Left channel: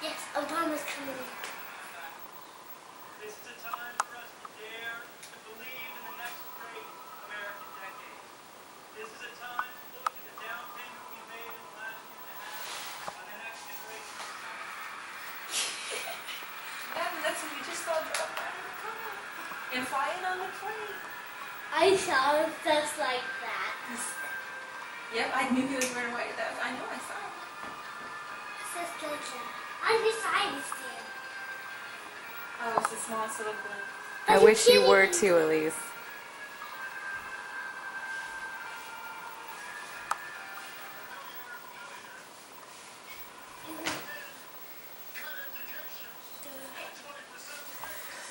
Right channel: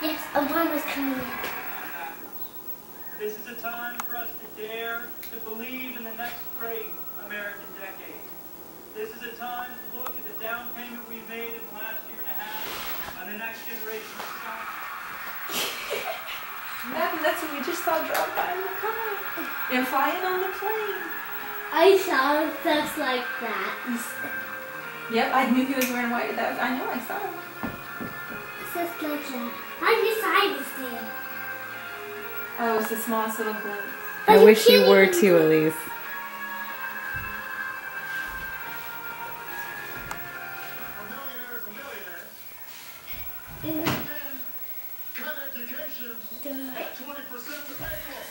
Yes, Obama's coming in. This is a time for us to dare to believe in the next great American decade. This is a time to look at the down payment we've made in the last year and a half on the next generation of science. That's what we just saw drop by in the car and flying on the plane. I saw just like that. Yep, I knew he was wearing white. I know, I saw him. Just like that. On his side is there. Oh, it's the smallest little glimpse. But I wish you can't were even too, Elise. do- Cut education at 20% of the payroll.